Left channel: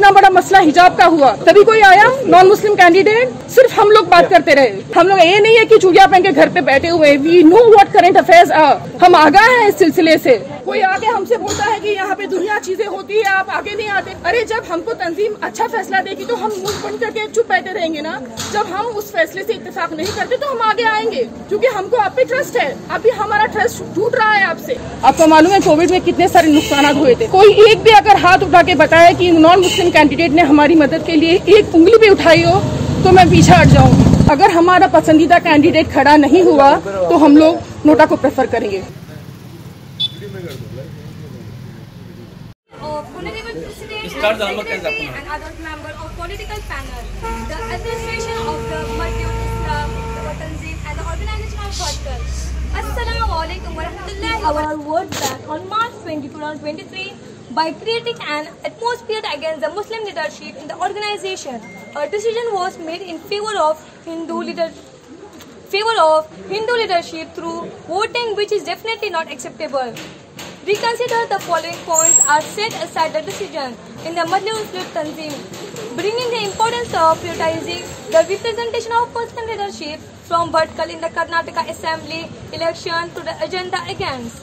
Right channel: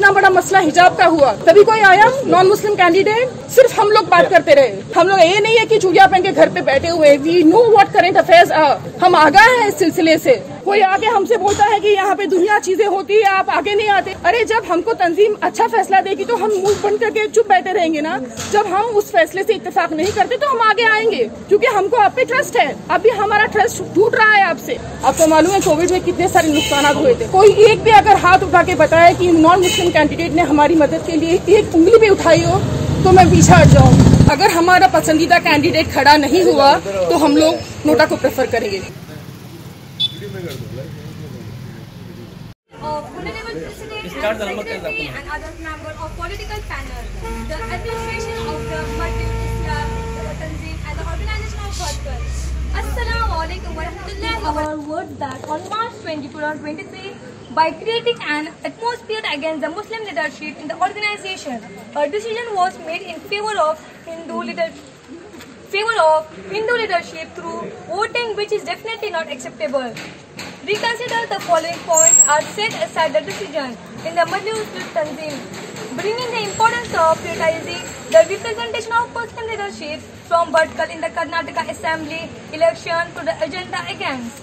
इतना बड़ा मसला हिजाब का हुआ, तभी कोई आया नॉन मुस्लिम कैंडिडेट? सिर्फ हम लोग बात करते रहे। हम लोग ये नहीं है कि चूड़िया पहन के घर पे बैठे हुए, we know what current affairs, हम आगाह हैं इस सिलसिले से। कोई आगे हमसे बोलता है कि यहाँ पे दुनिया चीजें होती है, आप आगे नहीं आते। अरे जब हमको तंजीम अच्छा फैसला देगी तो हम मुंह बंद करके चुप बैठे रहेंगे ना। जब हम उस फैसले से इत्तेफाक नहीं करते तो हम आगे आएंगे, क्योंकि हमको आप पे ट्रस्ट है। अभी हमारा ट्रस्ट टूट रहा है आपसे। आपको मालूम है कोविड में कितने सारे नुकसान हुए थे। कोई एक भी अगर हाथ उठा के बताए कि नॉन मुस्लिम कैंडिडेट ने हमारी मदद के लिए एक उंगली भी उठाई हो तो मैं पीछे हट जाऊँ। अगर हमारा पसंदीदा कैंडिडेट खड़ा नहीं हुआ तो हम लोग नोटा को प्रेफर करेंगे। Honorable President and Secretary and other members of political panel, the administration of the Madhya Islam, the Tanzim and the organization of Fatah. Assalamu alaikum wa rahmatullahi wa barakatuh. Our words that on March 20, 2023, by creating an atmosphere against the Muslim leadership in the organization, a decision was made in favor of Hindu leadership through voting, which is definitely not acceptable. Reconsider the following points are set aside the decision in the Madhya Islam Tanzim, bringing the importance of prioritizing the representation of Muslim leadership from Bhatkal in the Karnataka Assembly election to the agenda against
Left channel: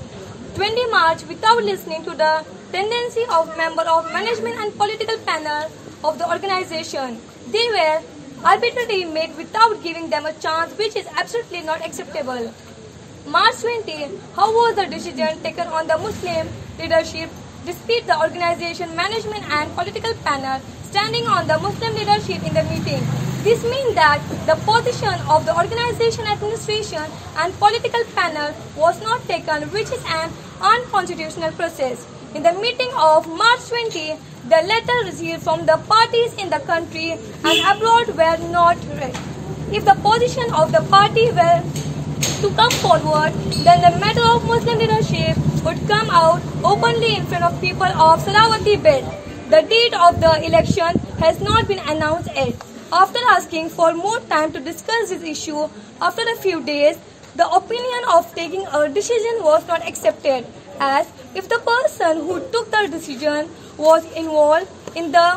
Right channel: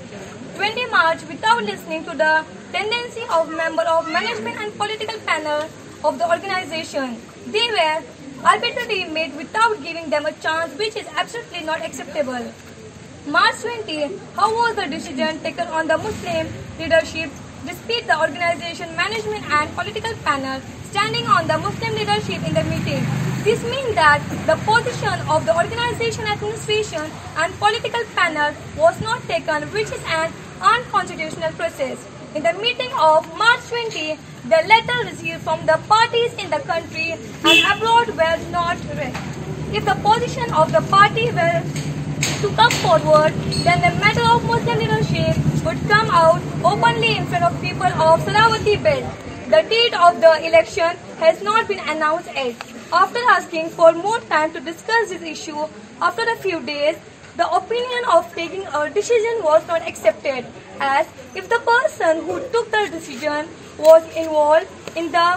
20 March without listening to the tendency of member of management and political panel of the organization. They were arbitrarily made without giving them a chance, which is absolutely not acceptable. March 20, how was the decision taken on the Muslim leadership despite the organization, management and political panel standing on the Muslim leadership in the meeting? This means that the position of the organization, administration and political panel was not taken, which is an unconstitutional process. In the meeting of March 20, the letter received from the parties in the country and abroad were not read. If the position of the party were to come forward, then the matter of Muslim leadership would come out openly in front of people of Sarawati belt. The date of the election has not been announced yet. After asking for more time to discuss this issue, after a few days, the opinion of taking a decision was not accepted, as if the person who took the decision was involved in the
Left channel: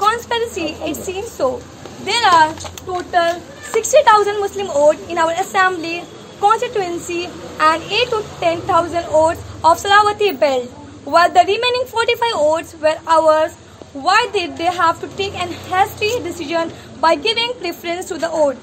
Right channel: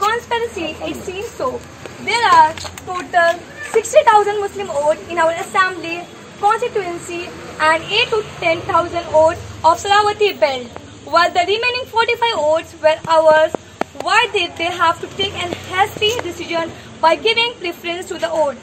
conspiracy, it seems so. There are total 60,000 Muslim votes in our assembly constituency and 8 to 10,000 votes of Sarawati belt, while the remaining 45 votes were ours. Why did they have to take a hasty decision by giving preference to the vote?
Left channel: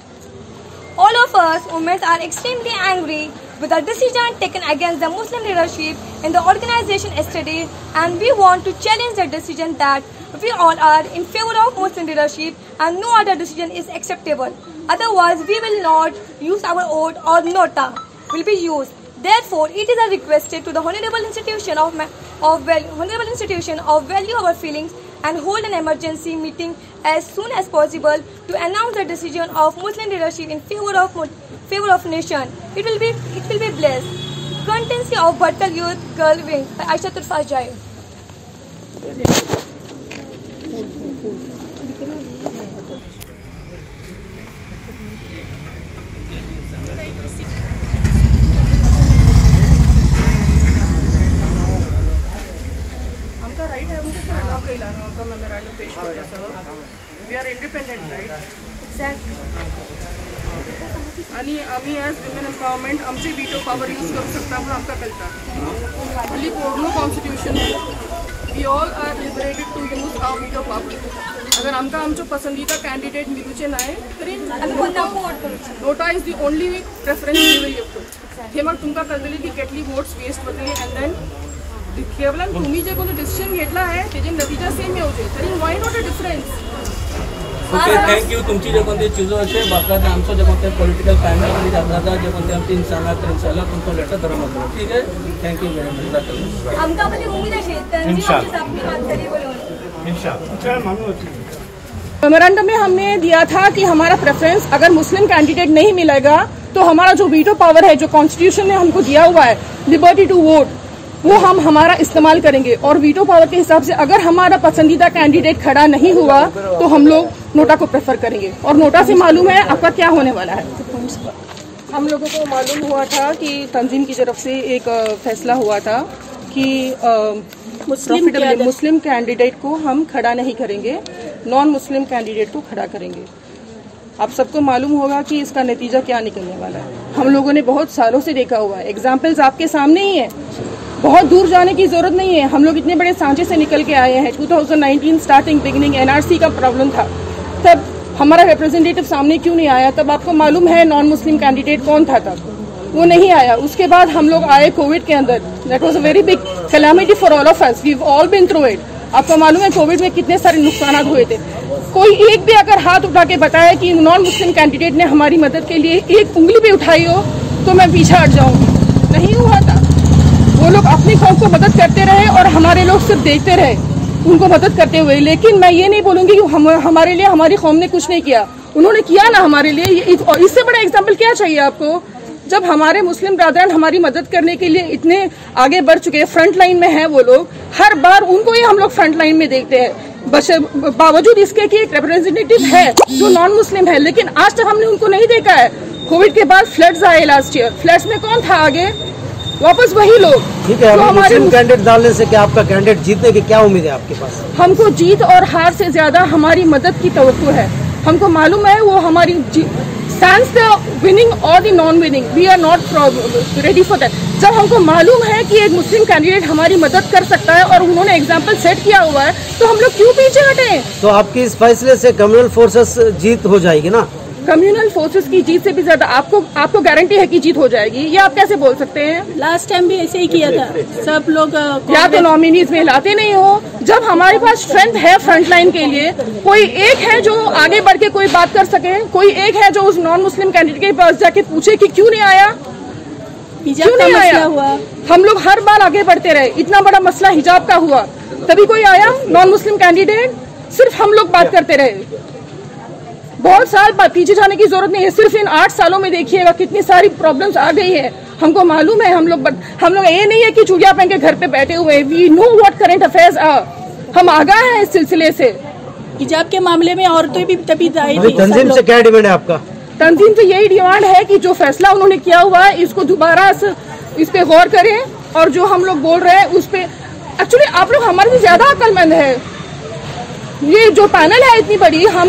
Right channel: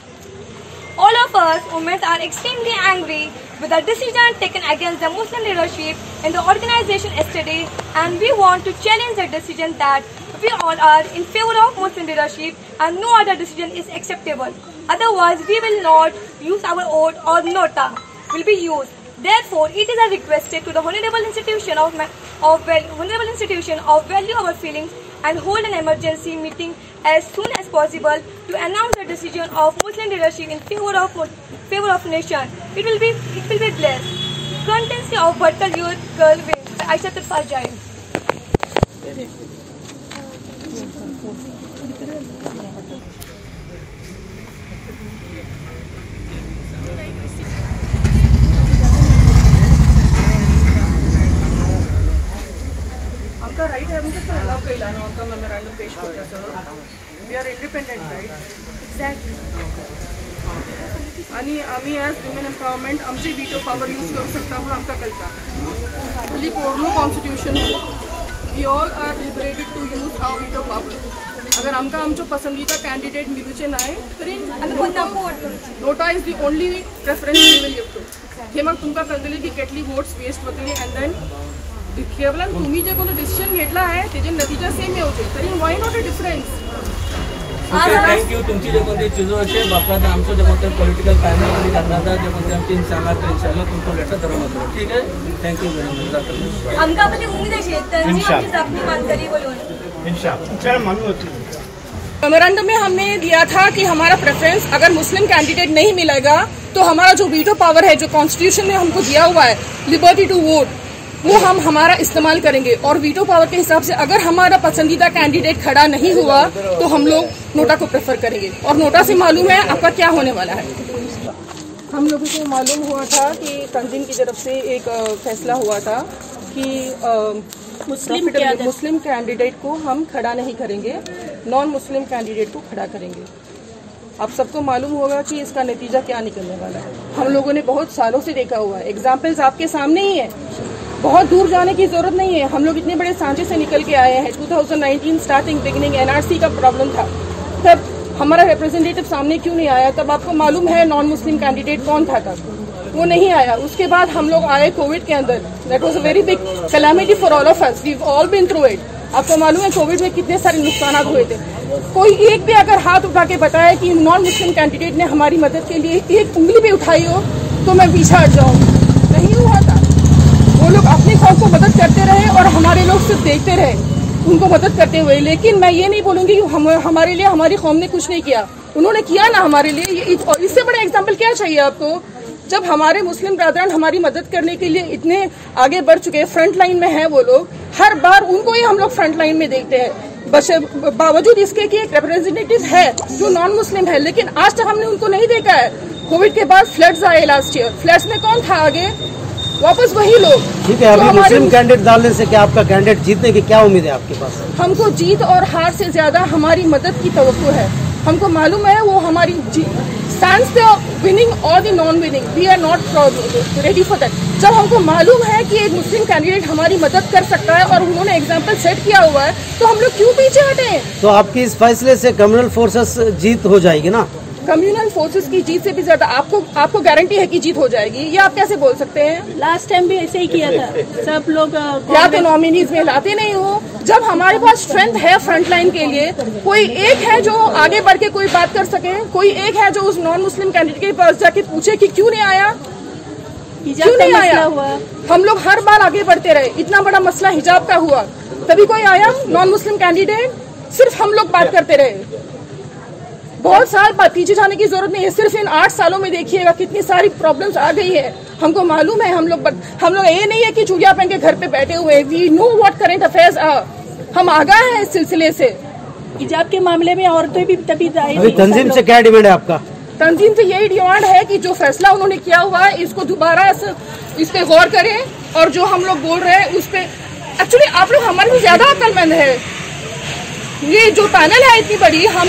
All of us women are extremely angry with the decision taken against the Muslim leadership in the organization yesterday, and we want to challenge the decision that we all are in favor of Muslim leadership and no other decision is acceptable. Otherwise, we will not use our vote or nota will be used. Therefore, it is requested to the Honorable Institution of value our feelings and hold an emergency meeting as soon as possible to announce the decision of Muslim leadership in favor of nation. It will be blessed. Contency of Bhatkal Youth Girl Wing by Aisha Turfajai. We are independent, right? Exactly. आणि आम्ही as women empowerment आमची veto power use करू शकता म्हणून आमकां कळटा. Only पोर्नो constitution we all are liberated to use our veto power. अगर आमकां आमचो पसंदीदा कैंडिडेट मिलूचे नाय तरी NOTA is the only preference we will give to. हे मग तुमकां कळटली की कितली वोट्स वेस्ट वतली एंड देन केवल तुम्ही जे कोणतो डिसिजन घेतला आहे तेजे नतीजा सेम येवचे तरी why not a difference. Thank you. तुमची जे कोणती चीजो असे बापरात आमचं जे कोणते पॉलिटिकल पॅनल मध्ये जाता जे कोणते आमची इंशाल्लाह तुमको लेटर धरवतो. ठीक है, थँक्यू व्हेरी मच. आमका म्हणजे उम्मीद आहे तंजीम आमची सापडी मानकरी बोलून इंशाल्लाह. मेमोरेंडम में हमने दिया था कि हमारा प्रेफरेंस अगर मुस्लिम कैंडिडेट नहीं मिलेगा तो हमारा जो वीटो पावर है, जो कॉन्स्टिट्यूशन ने हमको दिया हुआ है लिबर्टी टू वोट, वो हम हमारा इस्तेमाल करेंगे. और वीटो पावर के हिसाब से अगर हमारा पसंदीदा कैंडिडेट खड़ा नहीं हुआ तो हम लोग नोटा को प्रेफर करेंगे. और नोटा से मालूम है आपका क्या होने वाला है. हम लोगों को मालूम हुआ था कि तंजीम की तरफ से एक फैसला हुआ था कि मुस्लिम कैंडिडेट को हम खड़ा नहीं करेंगे, नॉन मुस्लिम कैंडिडेट को खड़ा करेंगे। आप सबको मालूम होगा कि इसका नतीजा क्या निकलने वाला है। हम लोगों ने बहुत सालों से देखा हुआ है, एग्जाम्पल्स आपके सामने ही है, बहुत दूर जाने की जरूरत नहीं है। हम लोग इतने बड़े सांचे से निकल के आए हैं। 2019 स्टार्टिंग बिगिनिंग एनआरसी का प्रॉब्लम था, तब हमारा रिप्रेजेंटेटिव सामने क्यों नहीं आया? तब आपको मालूम है नॉन मुस्लिम कैंडिडेट कौन था, तब वो नहीं आया। उसके बाद हम लोग आए कोविड के अंदर, that was a very big calamity for all of us, we have all been through it. आपको मालूम है कोविड में कितने सारे नुकसान हुए थे। कोई एक भी अगर हाथ उठा के बताए कि नॉन मुस्लिम कैंडिडेट ने हमारी मदद के लिए एक उंगली भी उठाई हो तो मैं पीछे हट जाऊँ। नहीं हुआ था। वो लोग अपनी कौम को मदद करते रहे और हमारे लोग सिर्फ देखते रहे उनको मदद करते हुए। लेकिन मैं ये नहीं बोलूंगी कि हमारे लिए हमारी कौम ने कुछ नहीं किया, उन्होंने किया ना हमारे लिए। इससे बड़ा एग्जाम्पल क्या चाहिए आपको? जब हमारे मुस्लिम ब्रादरान हमारी मदद करने के लिए इतने आगे बढ़ चुके हैं, फ्रंट लाइन में हैं वो लोग, हर बार उनको ही हम लोग फ्रंट लाइन में देखते हैं। बावजूद इसके कि एक रिप्रेजेंटेटिव है जो नॉन मुस्लिम है, लेकिन आज तक हमने उनको नहीं देखा है। कोविड के बाद फ्लड्स आए लास्ट ईयर, फ्लड्स में कौन था आगे? वापस वही लोग। ठीक है, अभी मुस्लिम कैंडिडेट डालने से क्या आपका कैंडिडेट जीतने की क्या उम्मीद है आपके पास? हमको जीत और हार से ज्यादा हमारी मदद की तवक्को है। हमको मालूम है वो हमारी stands the winning or the non-winning, we are not ready for that। जब हमको मालूम है कि एक मुस्लिम कैंडिडेट हमारी मदद कर सकता है और उन्होंने एग्जाम्पल सेट किया हुआ है, तो हम लोग क्यों पीछे हटे? तो आपकी इस फैसले से कम्युनल फोर्सेस जीत हो जाएगी ना? कम्युनल फोर्सेस की जीत से भी ज्यादा आपको गारंटी है कि जीत हो जाएगी, ये आप कैसे बोल सकते हैं? लास्ट टाइम भी ऐसे ही किया था, सब लोग या तो नॉमिनीज में लाते नहीं हो। जब हमारे पास स्ट्रेंथ है फ्रंट लाइन के लिए, कोई एक है जो आगे बढ़ के कोई बात कर सके, कोई एक है जो उस नॉन मुस्लिम कैंडिडेट के पास जाके पूछे कि क्यों नहीं आया, क्यों नहीं आया हुआ। हम लोग हर बार आगे बढ़ते रहे। इतना बड़ा मसला हिजाब का हुआ, तभी कोई आया नॉन मुस्लिम कैंडिडेट? सिर्फ हम लोग बात करते रहे। बहुत साल बाद पीछे जाने की जरूरत नहीं है। सिर्फ इन 8 सालों में देखिएगा कितनी सारी प्रॉब्लम्स आ गई है। हमको मालूम है, हम लोग ये नहीं है कि चूड़िया पहन के घर पे बैठे हुए। We know what current affairs are. हम आगाह हैं इस सिलसिले से। हिजाब के मामले में औरतें भी तभी तंजीम से क्या डिमांड है आपका? तंजीम से यही डिमांड है कि जो फैसला उन्होंने किया हुआ है इसको दोबारा इस पे गौर करें। और जो हम लोग बोल रहे हैं उस पे एक्चुअली आप लोग हमारे से ज्यादा अक्लमंद है। ये जो पैनल है इतनी बड़ी, हम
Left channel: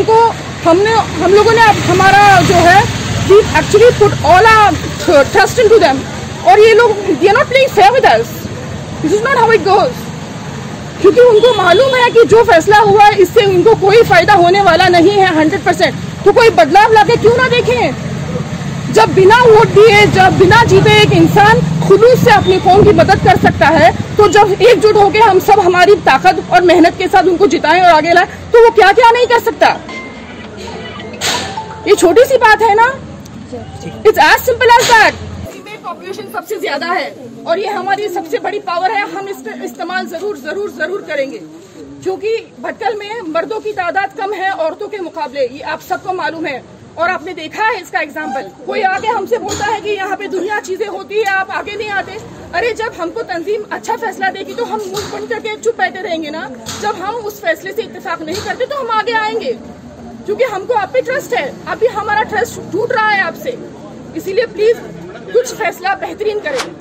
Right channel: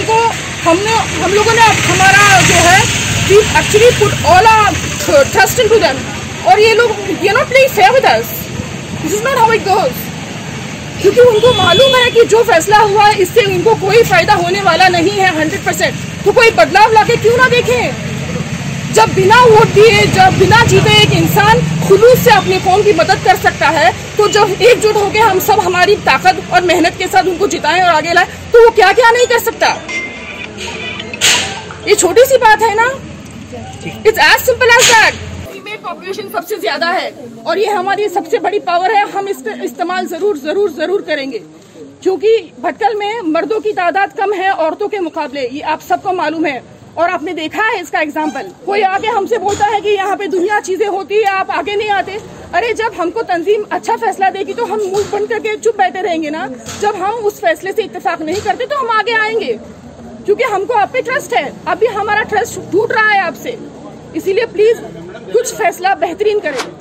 लोगों ने हमारा जो है we actually put all our trust into them. और ये लोग they are not playing fair with us. This is not how it goes. क्योंकि उनको मालूम है कि जो फैसला हुआ है इससे इनको कोई फायदा होने वाला नहीं है 100%। तो कोई बदलाव लाके क्यों ना देखें? जब बिना वोट दिए, जब बिना जीते एक इंसान खुलूस से अपनी कौम की मदद कर सकता है, तो जब एकजुट होकर हम सब हमारी ताकत और मेहनत के साथ उनको जिताएं और आगे लाएं, तो वो क्या क्या नहीं कर सकता। ये छोटी सी बात है ना, it's as simple as that. Population सबसे ज्यादा है और ये हमारी सबसे बड़ी पावर है। हम इस पर इस्तेमाल जरूर करेंगे, क्योंकि भटकल में मर्दों की तादाद कम है औरतों के मुकाबले, ये आप सबको मालूम है। और आपने देखा है इसका एग्जाम्पल। कोई आगे हमसे बोलता है कि यहाँ पे दुनिया चीजें होती है, आप आगे नहीं आते। अरे जब हमको तंजीम अच्छा फैसला देगी तो हम मुंह बंद करके चुप बैठे रहेंगे ना। जब हम उस फैसले से इत्तेफाक नहीं करते तो हम आगे आएंगे, क्योंकि हमको आप पे ट्रस्ट है। अभी हमारा ट्रस्ट टूट रहा है आपसे, इसीलिए प्लीज कुछ फैसला बेहतरीन करें।